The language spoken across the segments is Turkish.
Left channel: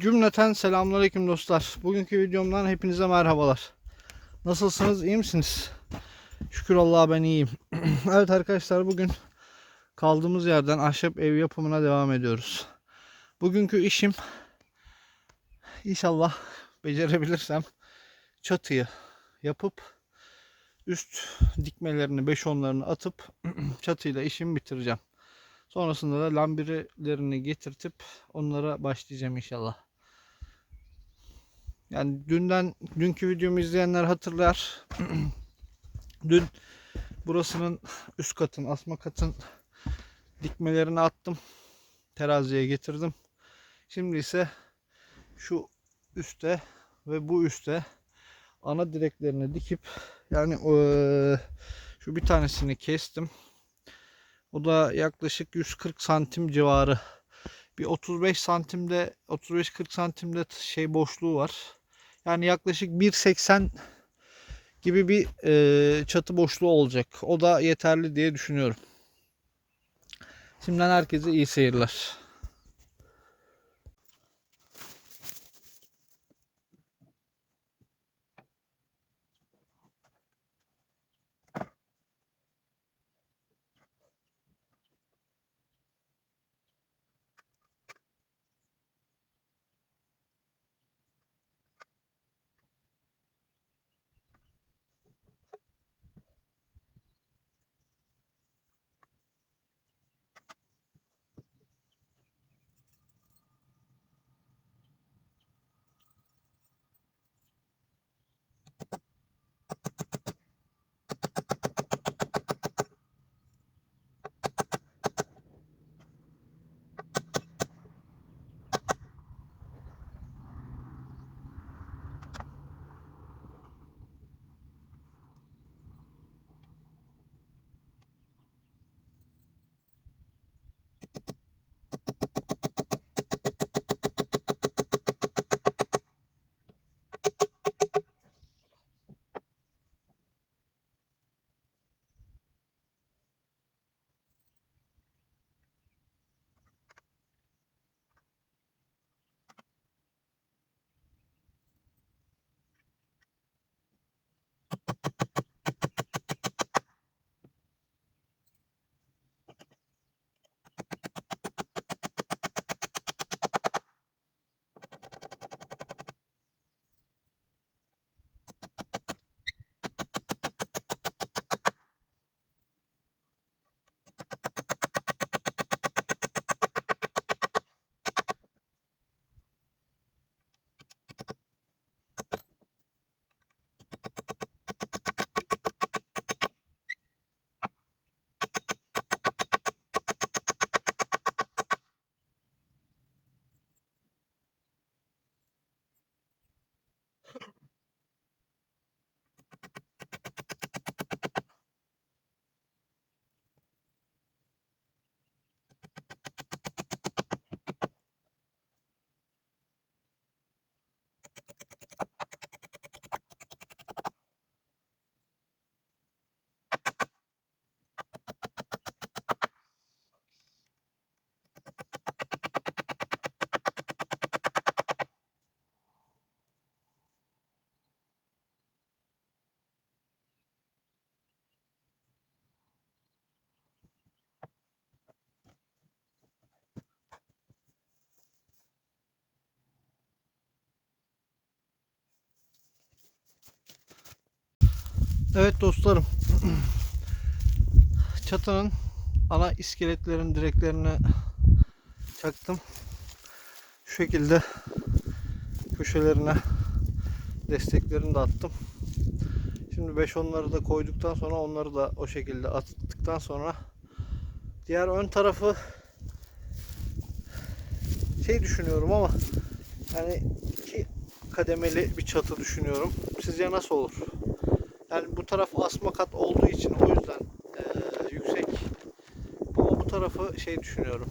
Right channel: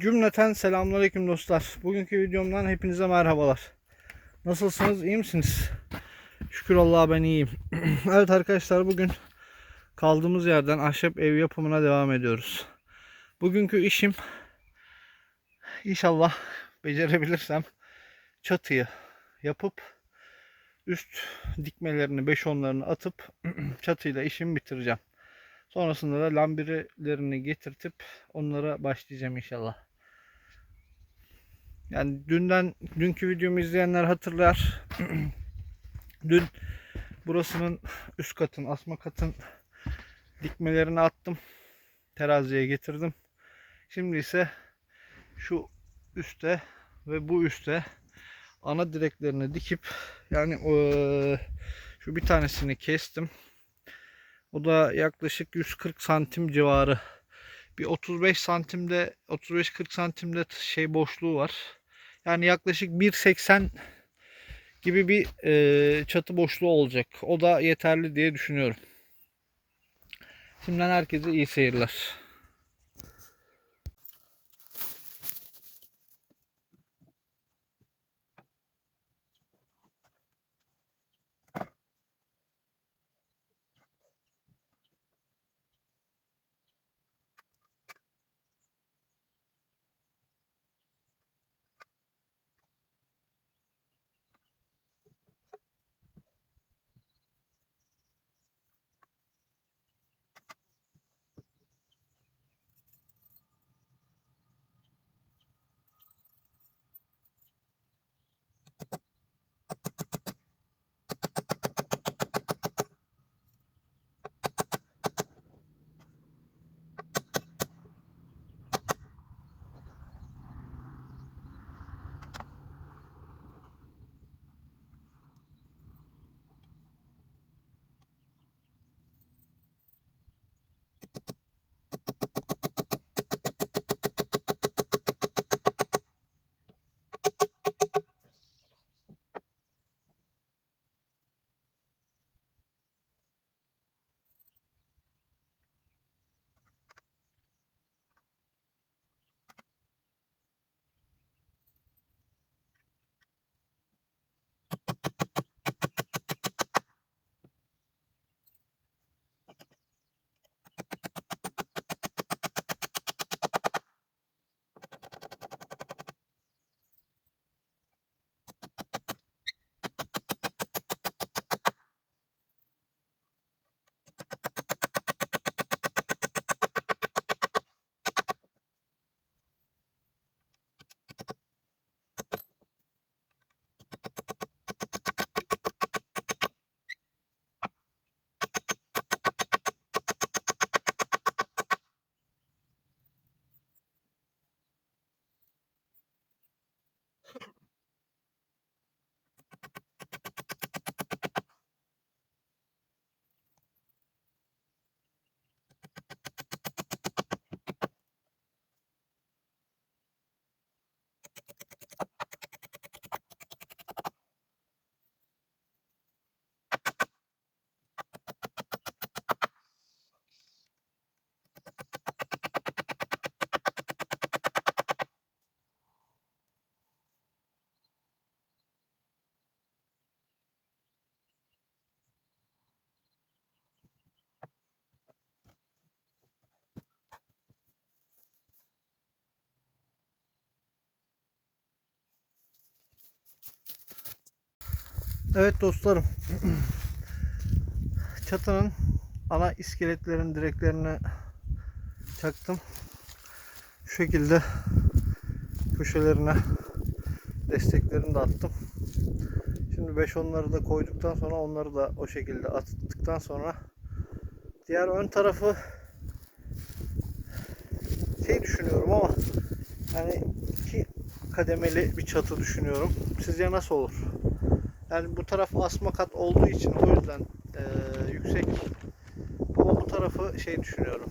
Cümleten selamünaleyküm dostlar. Bugünkü videomdan hepinize merhabalar. Nasılsınız? iyi misiniz? Şükür Allah'a ben iyiyim. evet arkadaşlar bugün kaldığımız yerden ahşap ev yapımına devam ediyoruz. Bugünkü işim inşallah becerebilirsem çatıyı yapıp üst dikmelerini 5-10'larını atıp çatıyla işimi bitireceğim. Sonrasında da lambirilerini getirtip onlara başlayacağım inşallah. Yani dünden dünkü videomu izleyenler hatırlar. Dün burasının üst katın, asma katın dikmelerini attım. Teraziye getirdim. Şimdi ise şu üste ve bu üste ana direklerini dikip yani eee, şu bir tanesini kestim. O da yaklaşık 140 santim civarı. Bir 35 santimde 35-40 santimde şey boşluğu var. Yani yaklaşık 1.80 gibi bir e, çatı boşluğu olacak. O da yeterli diye düşünüyorum. Şimdiden herkese iyi seyirler. Evet dostlarım. Çatının ana iskeletlerin direklerini çaktım. Şu şekilde köşelerine desteklerini de attım. Şimdi 5 onları da koyduktan sonra onları da o şekilde attıktan sonra diğer ön tarafı şey düşünüyorum ama yani iki kademeli bir çatı düşünüyorum. Sizce nasıl olur? Yani bu taraf asma kat olduğu için o yüzden eee, yüksek. Ama bu tarafı şey düşünüyorum.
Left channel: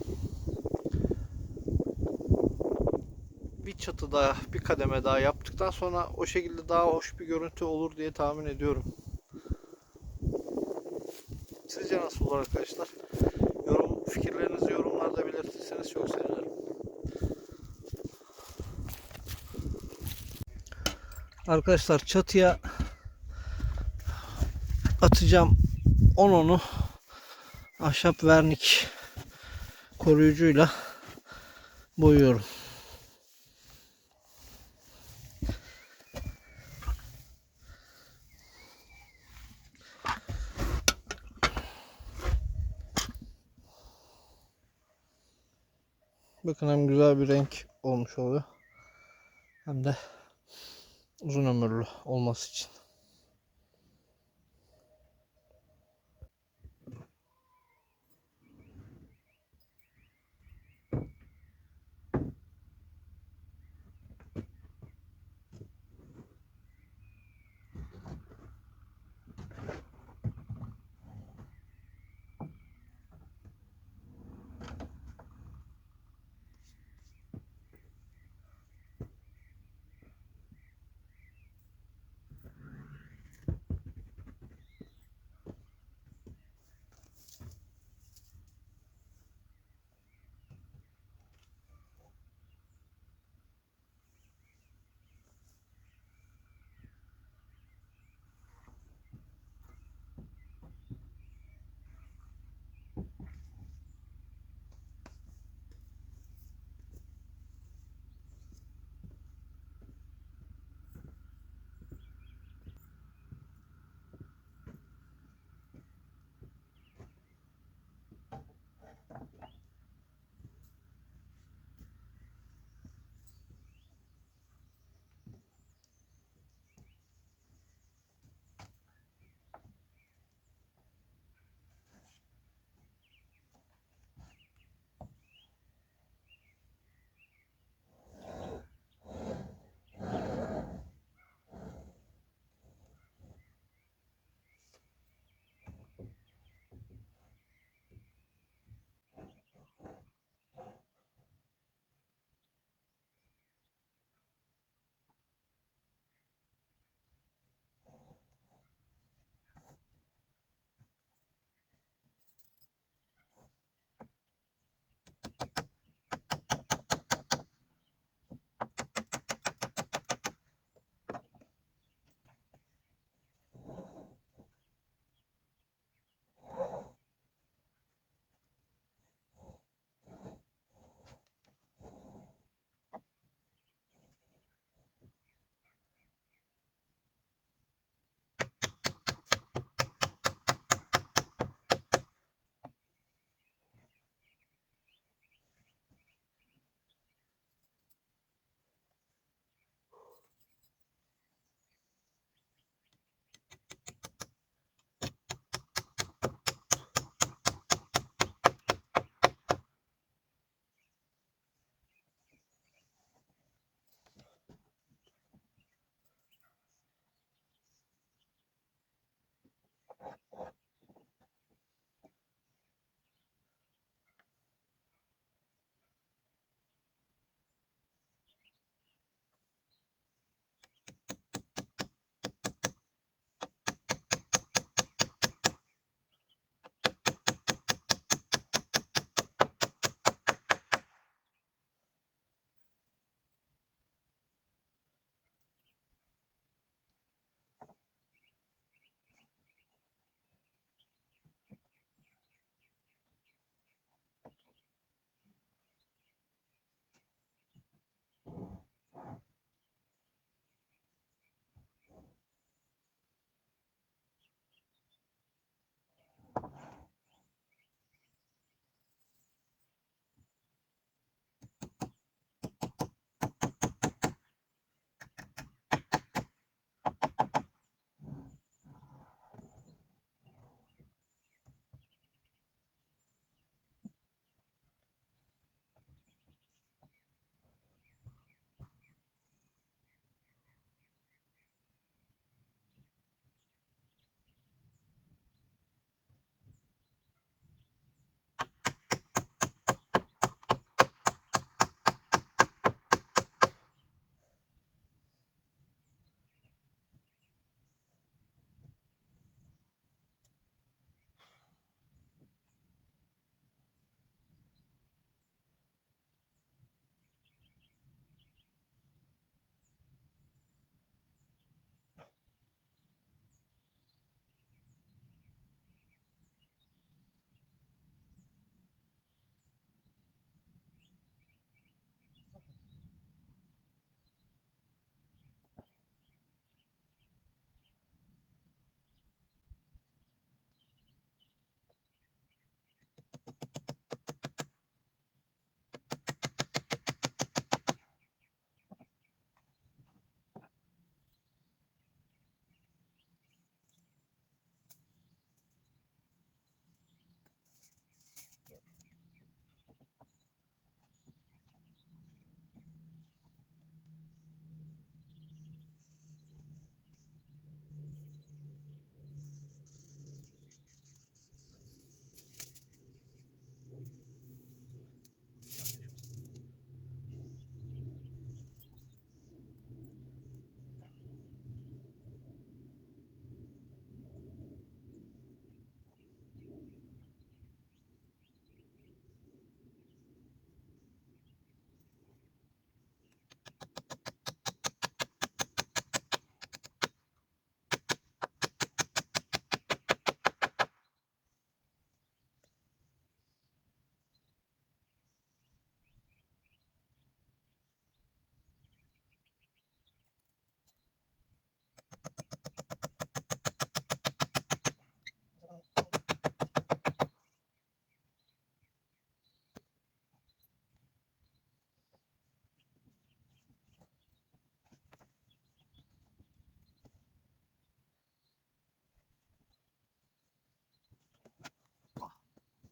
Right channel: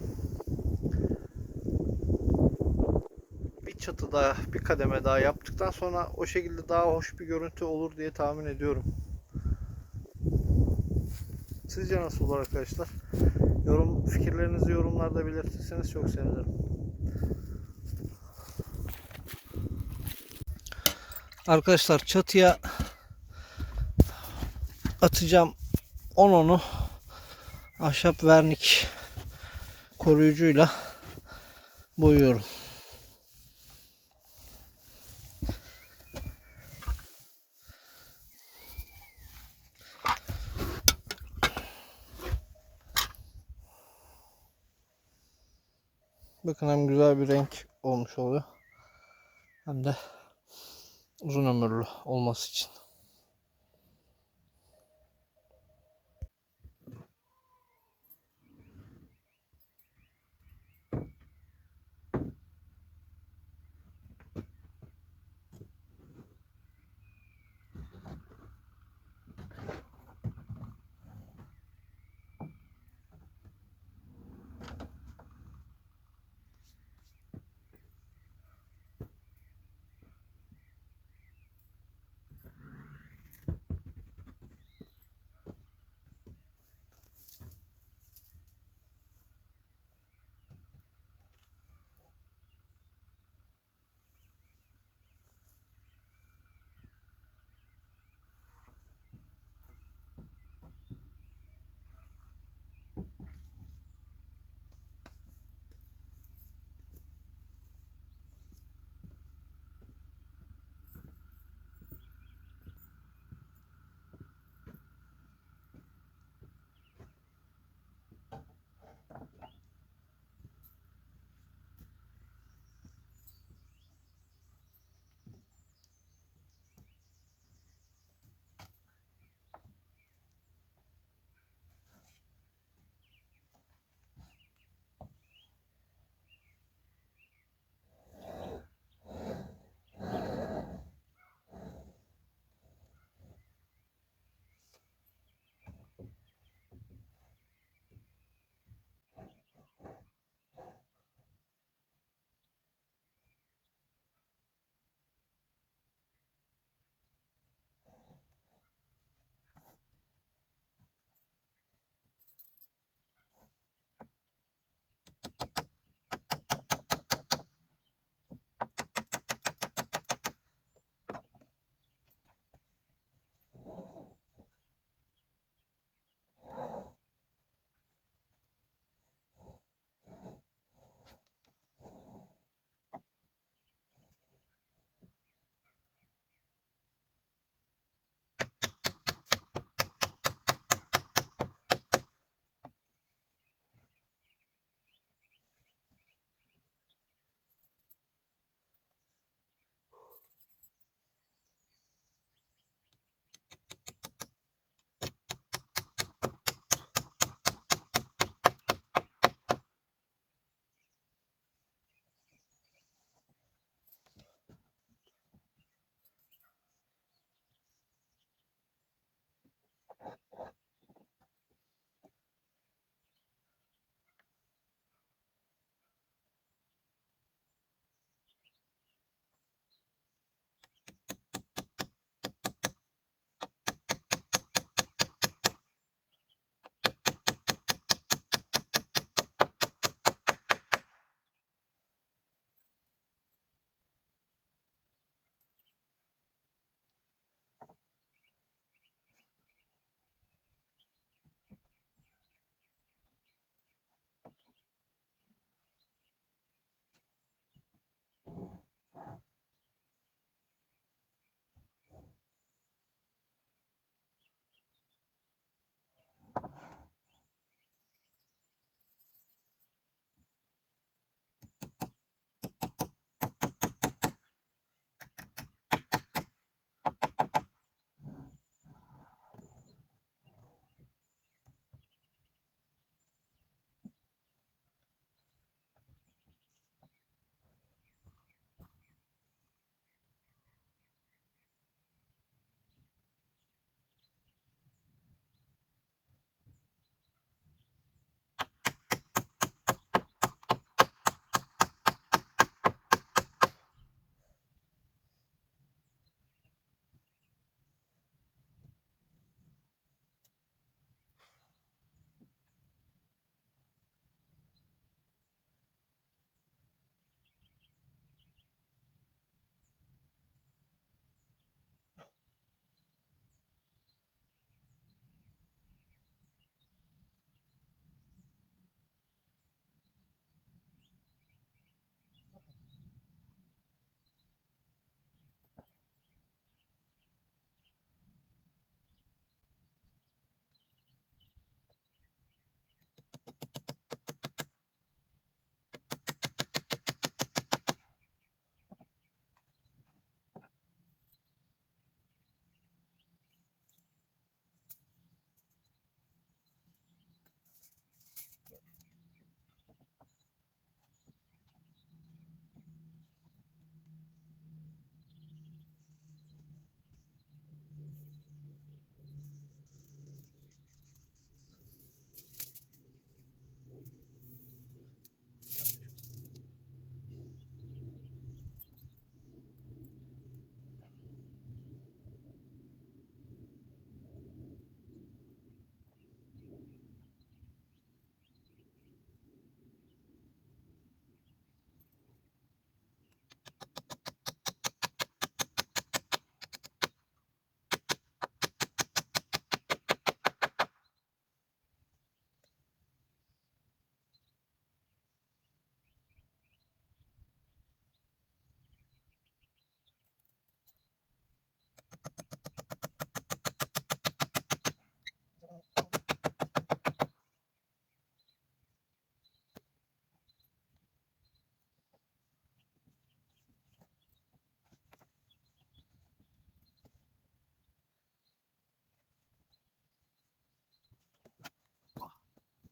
Bir çatı daha, bir kademe daha yaptıktan sonra o şekilde daha hoş bir görüntü olur diye tahmin ediyorum. Sizce nasıl olur arkadaşlar? Yorum fikirlerinizi yorumlarda belirtirseniz çok sevinirim. Arkadaşlar çatıya atacağım 10 onu ahşap vernik koruyucuyla boyuyorum. Bakın hem güzel bir renk olmuş oluyor. Hem de uzun ömürlü olması için.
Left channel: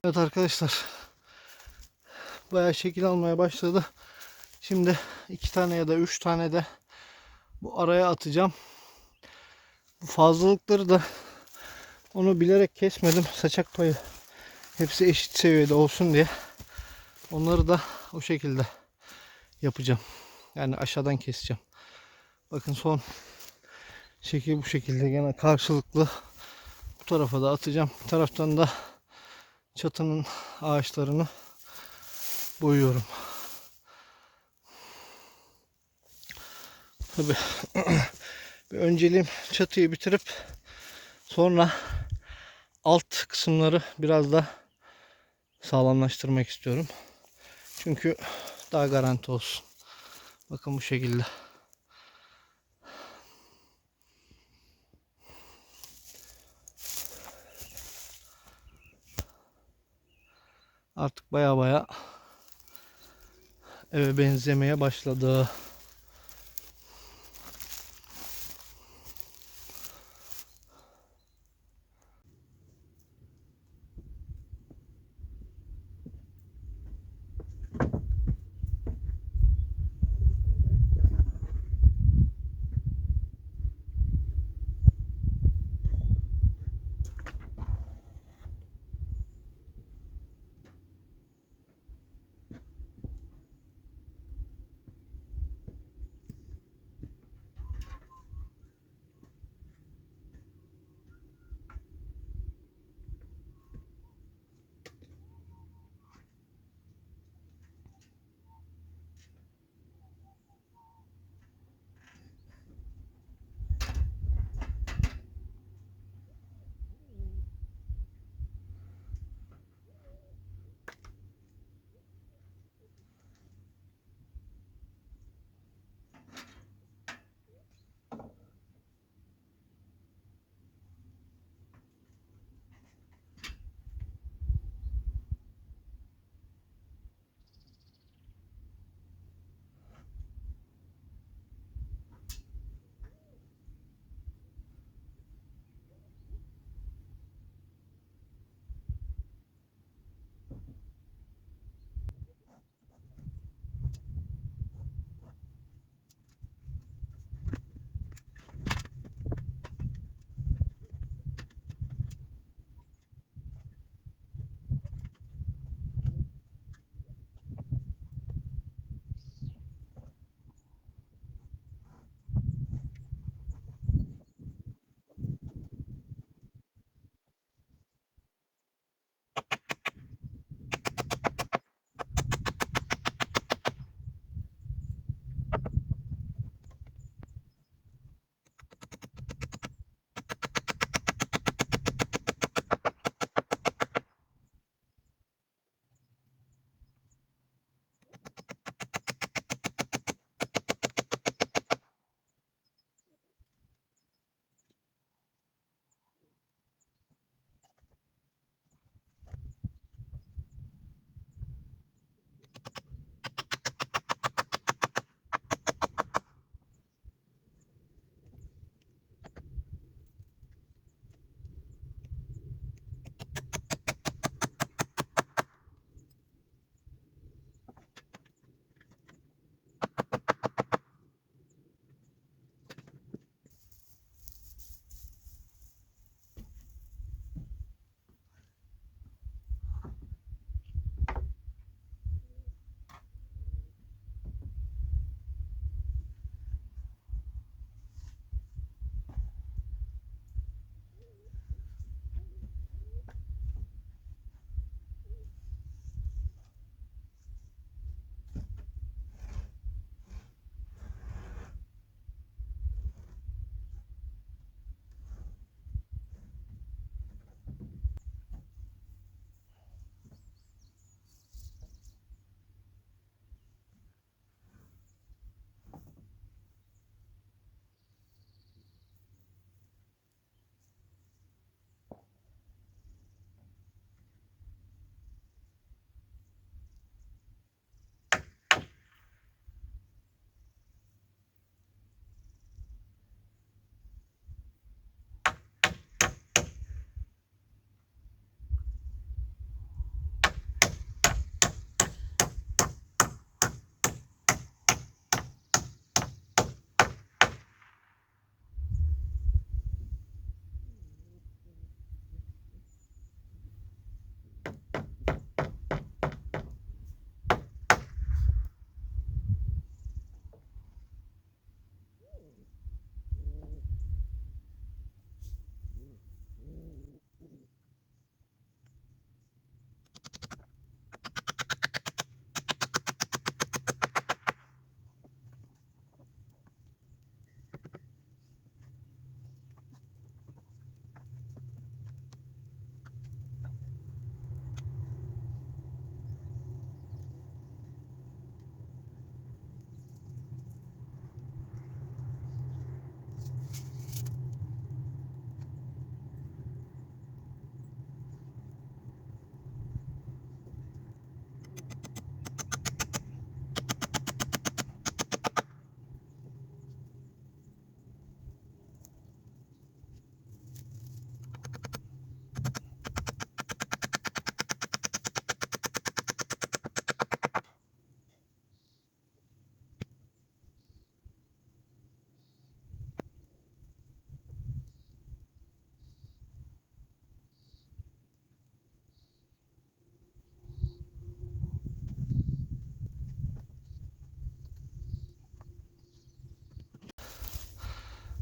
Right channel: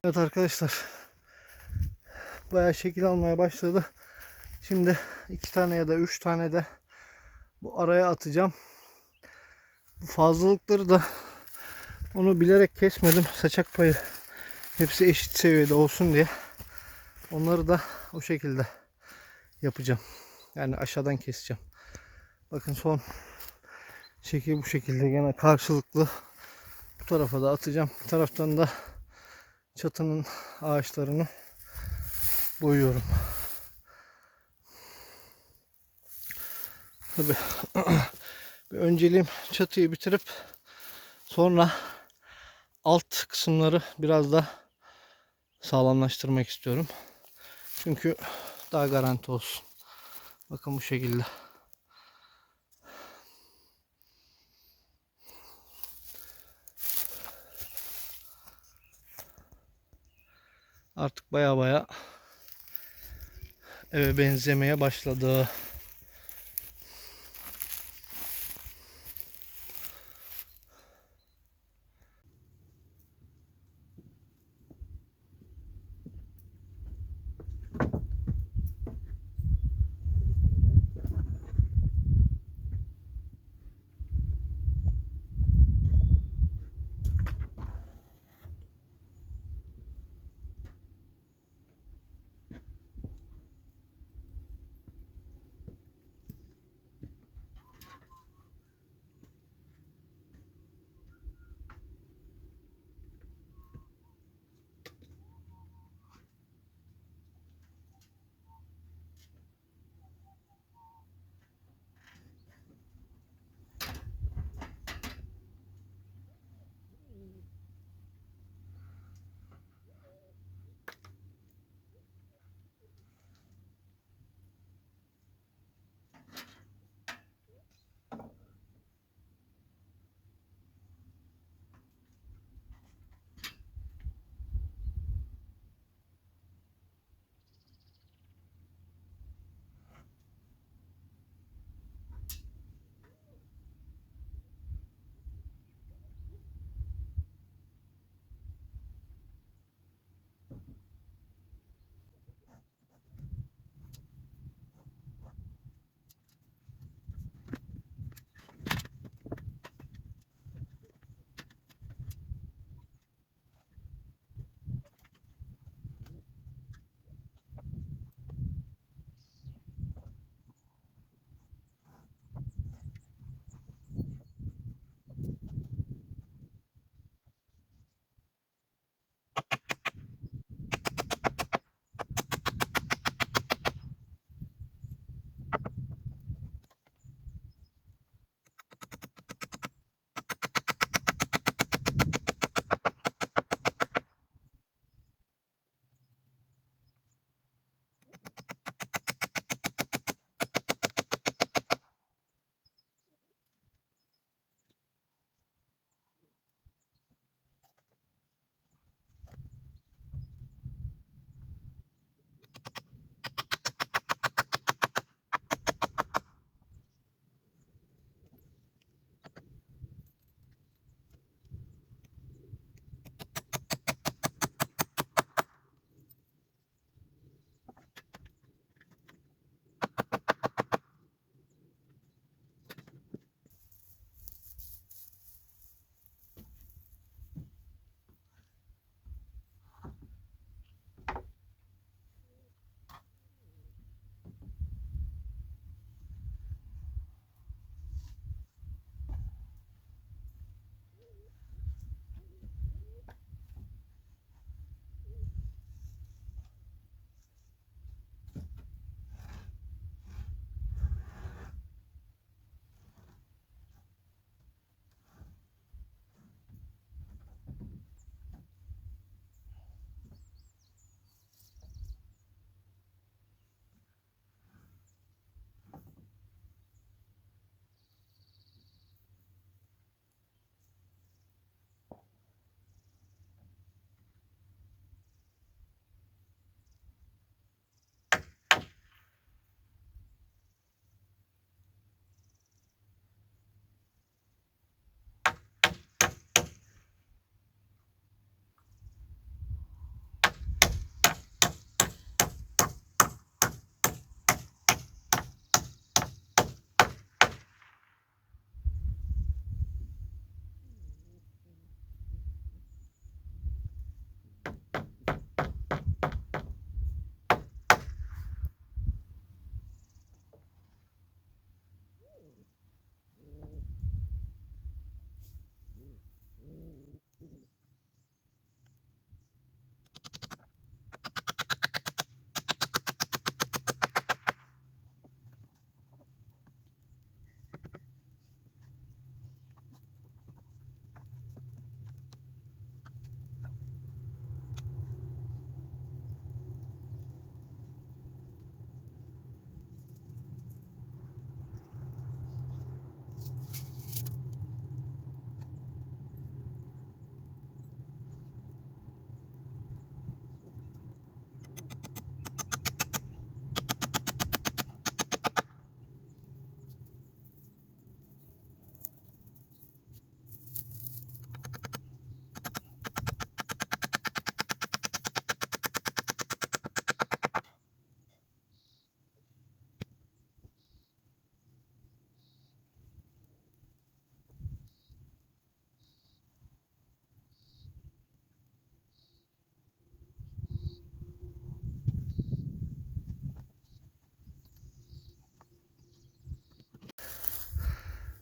Evet arkadaşlar. Bayağı şekil almaya başladı. Şimdi iki tane ya da üç tane de bu araya atacağım. Bu fazlalıkları da onu bilerek kesmedim. Saçak payı hepsi eşit seviyede olsun diye. Onları da o şekilde yapacağım. Yani aşağıdan keseceğim. Bakın son şekil bu şekilde gene karşılıklı bu tarafa da atacağım. Bu taraftan da çatının ağaçlarını boyuyorum. Tabii bir önceliğim çatıyı bitirip sonra alt kısımları biraz da sağlamlaştırmak istiyorum. Çünkü daha garanti olsun. Bakın bu şekilde. Artık baya baya eve benzemeye başladı.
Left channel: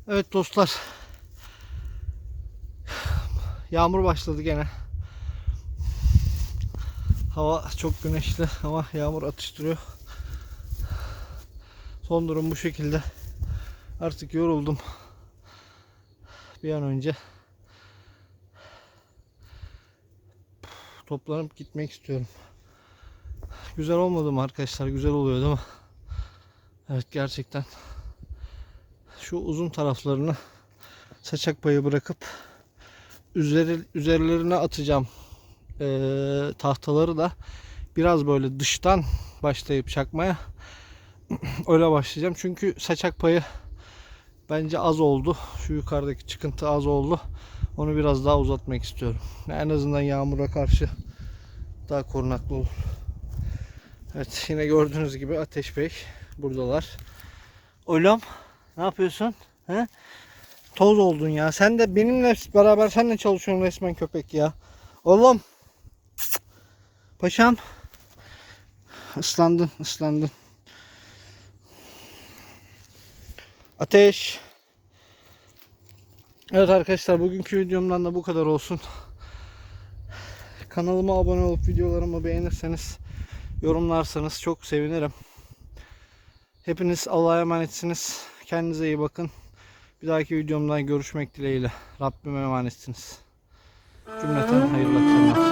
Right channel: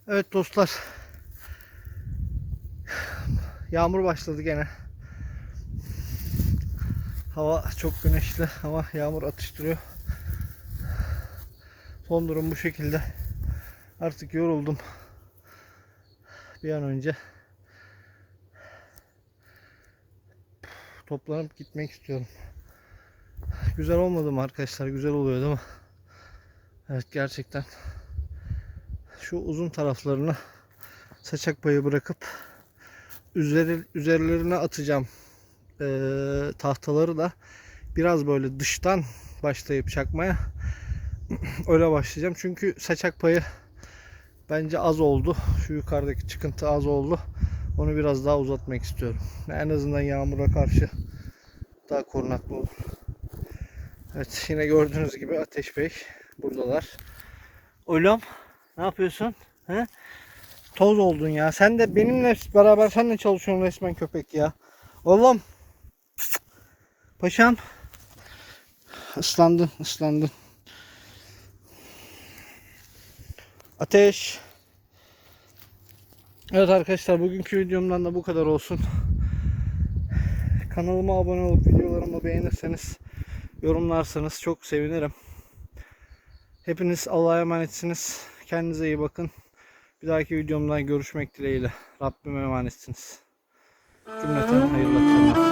Evet dostlar. Yağmur başladı gene. Hava çok güneşli ama yağmur atıştırıyor. Son durum bu şekilde. Artık yoruldum. Bir an önce toplanıp gitmek istiyorum. Güzel olmadı mı arkadaşlar? Güzel oluyor değil mi? Evet gerçekten şu uzun taraflarını saçak payı bırakıp üzeri, üzerlerine atacağım Ee, tahtaları da biraz böyle dıştan başlayıp çakmaya öyle başlayacağım. Çünkü saçak payı bence az oldu. Şu yukarıdaki çıkıntı az oldu. Onu biraz daha uzatmak istiyorum. En azından yağmura karşı daha korunaklı olur. Evet yine gördüğünüz gibi Ateş Bey buradalar. Oğlum ne yapıyorsun? He? Toz oldun ya. Sen de benimle beraber sen de çalışıyorsun resmen köpek ya. Oğlum. Paşam. Islandın, ıslandın. Ateş. Evet arkadaşlar bugünkü videomdan da bu kadar olsun. Kanalıma abone olup videolarımı beğenirseniz, yorumlarsanız çok sevinirim. Hepiniz Allah'a emanetsiniz. Kendinize iyi bakın. Bir dahaki videomdan görüşmek dileğiyle. Rabbime emanetsiniz. Cümleten hayırlı akşamlar.